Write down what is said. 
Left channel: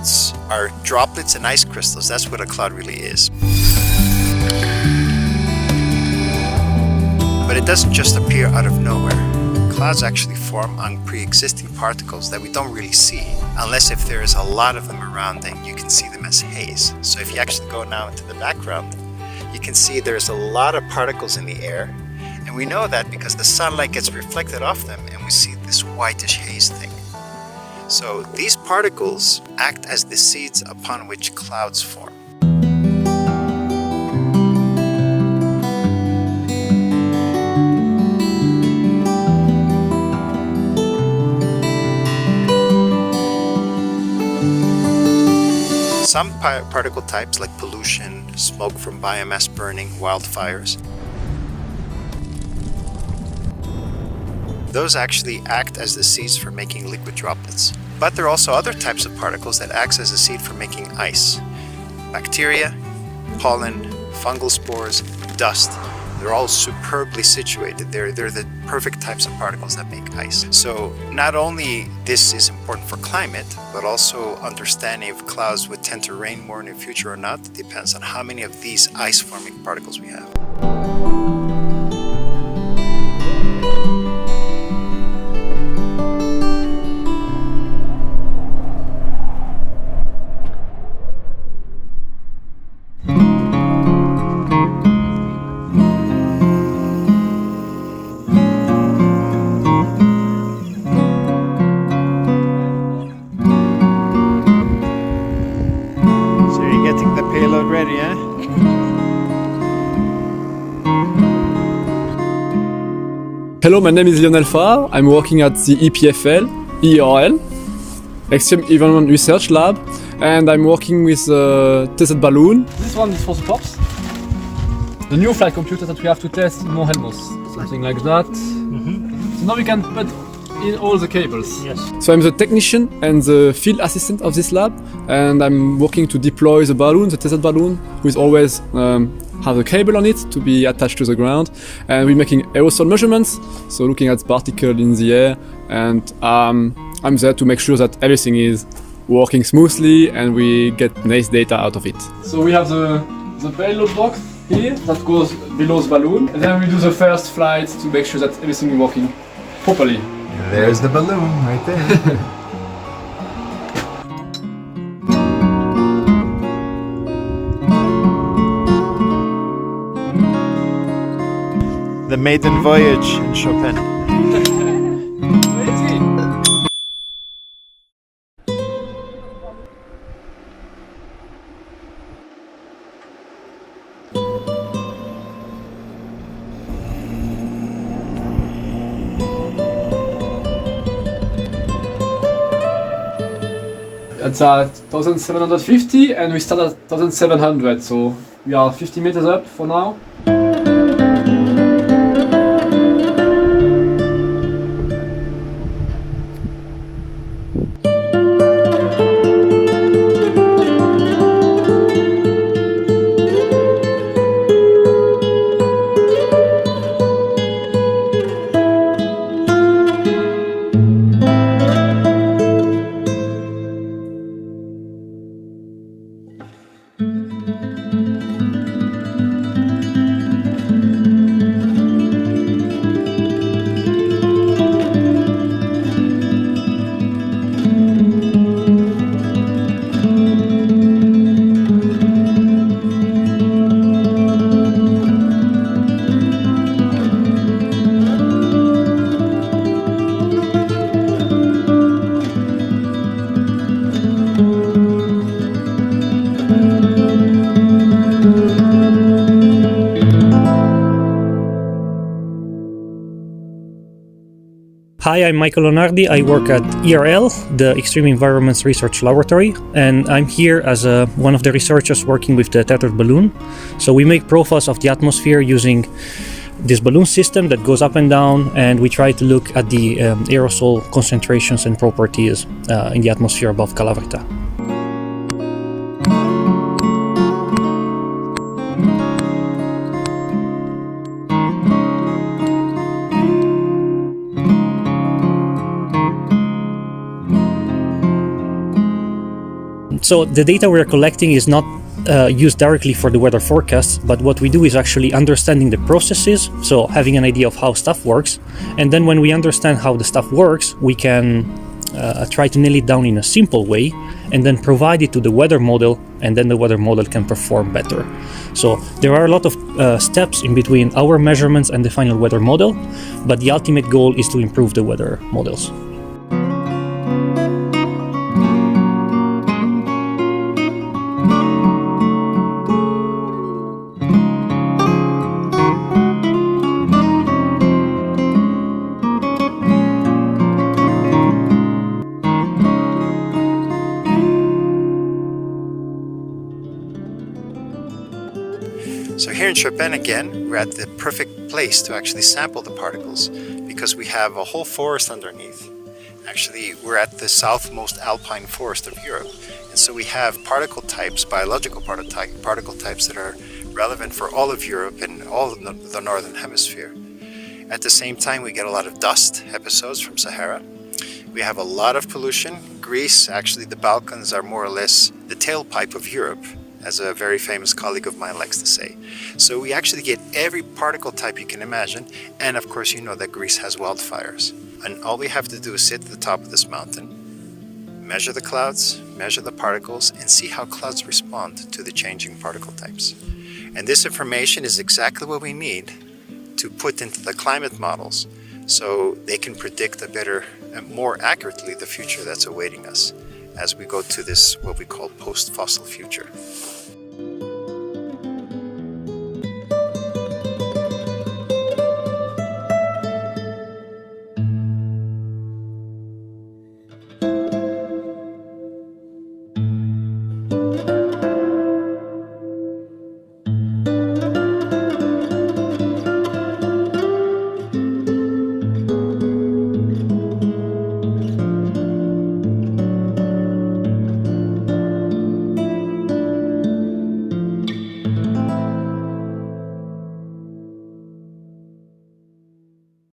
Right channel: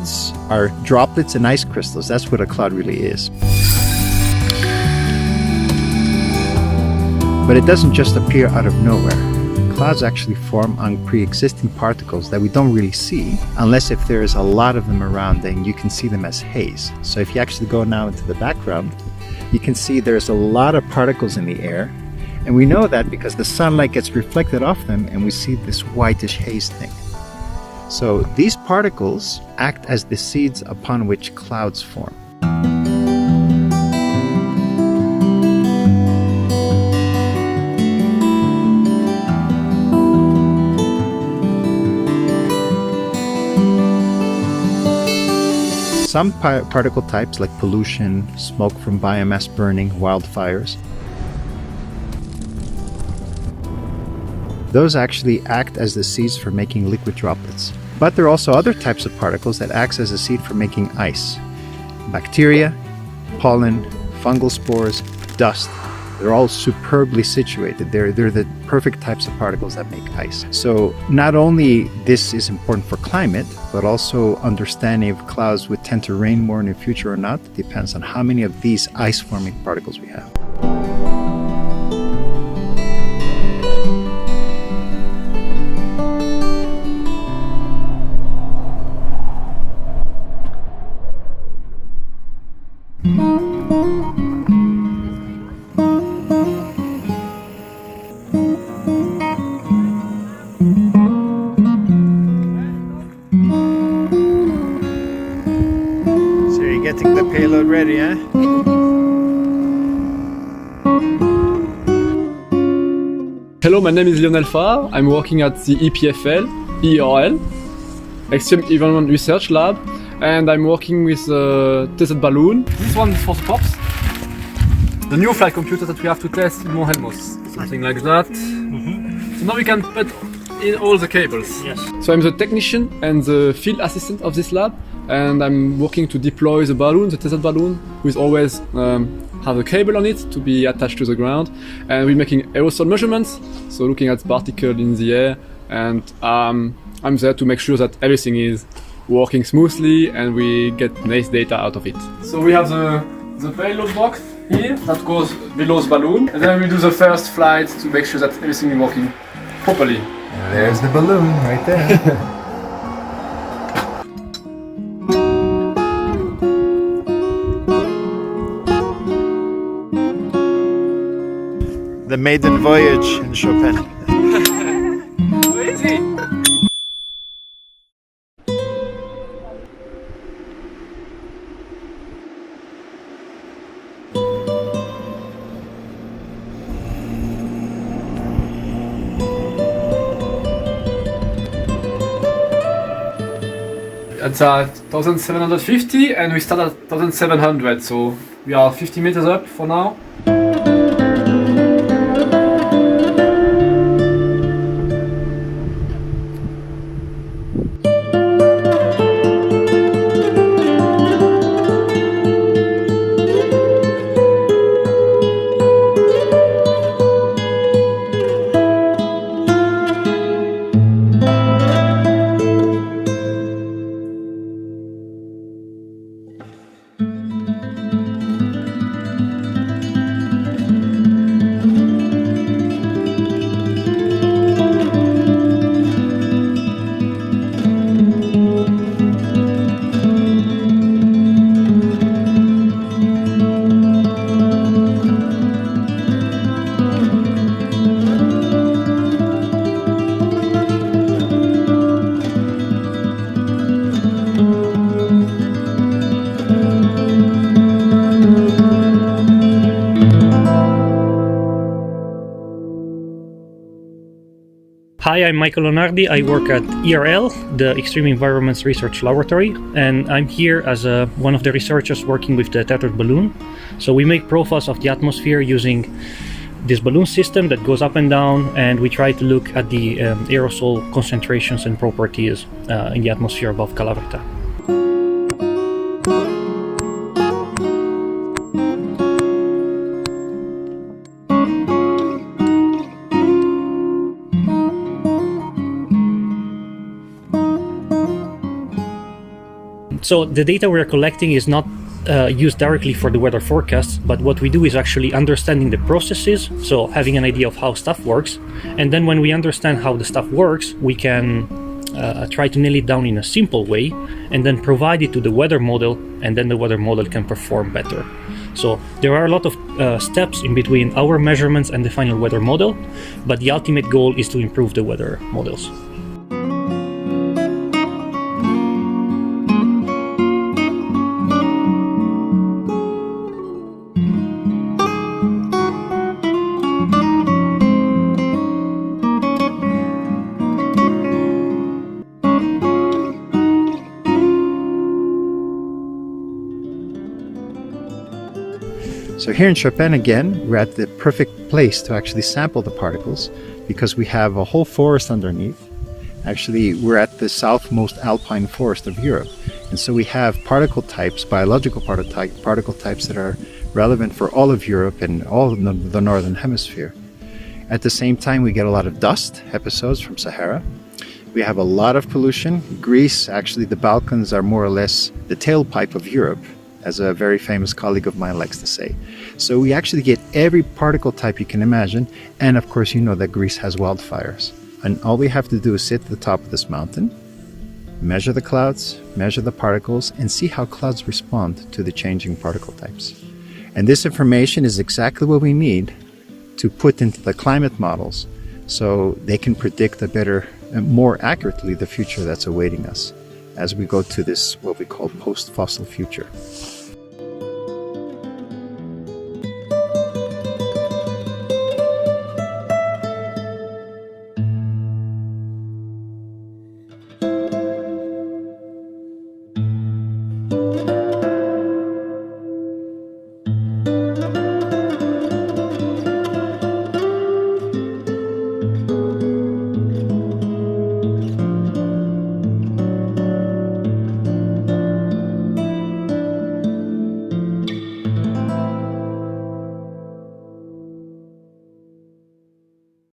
Clouds are droplets and ice crystals. That's what a cloud really is. But it doesn't just appear out of nowhere. Clouds actually form on pre-existing particles that we don't really see, unless if there is a lot of them around, then you can see them as haze. So if you actually go now into the background, you can see there's a lot of particles in the air. And we know that because the sunlight gets reflected off them and we see this whitish haze thing. So these particles act as the seeds upon which clouds form. Some particle types like pollution, smoke from biomass burning, wildfires, those actually act as the seeds for making liquid droplets. But there are also other types of particles that act as a seed for making ice. Bacteria, pollen, fungal spores, dust. They're all superbly situated. They're the perfect types of particles that make ice. So not only this is important for climate, but also understanding if clouds would tend to rain more in the future or not depends on how many of these ice-forming particles we have. Getting the payload ready, eh? Hello, my name is Lionel Farr. I'm working at the EPFL, ERL, Extreme Environment Research Lab, and I'm working with a tested balloon. This one is for the pops. The new flight computer that we have to test in Mt.Helmos, something like that. So now we can put in all the cables. Yes. So I'm the technician and the field assistant of this lab, and I'm working to deploy the balloon, the tested balloon, with always have a cable on it to be attached to the ground, and we're making aerosol measurements, so looking at particles in the air, and I'm there to make sure that everything is working smoothly and we get nice data out of it. So we have the payload box here that goes below the balloon, and then we do the first flight to make sure that everything is working properly. And there's the balloon right there. The maiden voyage in Chopin. Where is he? It's at 1750 and we start at 1700, so we are 50 meters up for now. Hi, I'm Michael Lonardi. I work at ERL, the Extreme Environments Research Laboratory, and I'm here as one of the researchers working with the tethered balloon. So we make profiles of the atmosphere using this balloon system that goes up and down, and we try to look at the aerosol concentrations and properties in the atmosphere above Calavrita. So the data we're collecting is not used directly for the weather forecasts, but what we do is actually understanding the processes, so having an idea of how stuff works. And then when we understand how the stuff works, we can try to nail it down in a simple way and then provide it to the weather model, and then the weather model can perform better. So there are a lot of steps in between our measurements and the final weather model, but the ultimate goal is to improve the weather models. So here in Chopin again, we're at the perfect place to actually sample the particles because we have a whole forest underneath. Actually, we're at the southmost alpine forest of Europe. And so we have particle types, biological particle types that are relevant for all of Europe and all of the northern hemisphere. At the same time, we get a lot of dust episodes from Sahara. We have a lot of pollution. Greece, actually the Balkans are more or less the tailpipe of Europe, as a very famous colleague of mine likes to say. So we actually get every particle type you can imagine, and of course you know that Greece has wildfires. And all we have to do is sit at the top of this mountain, measure the clouds, measure the particles, and see how clouds respond to the changing particle types. And this information is exactly what we need to put into the climate models so they can predict a better and more accurately the future that's awaiting us as we go to this, what we call post-fossil future.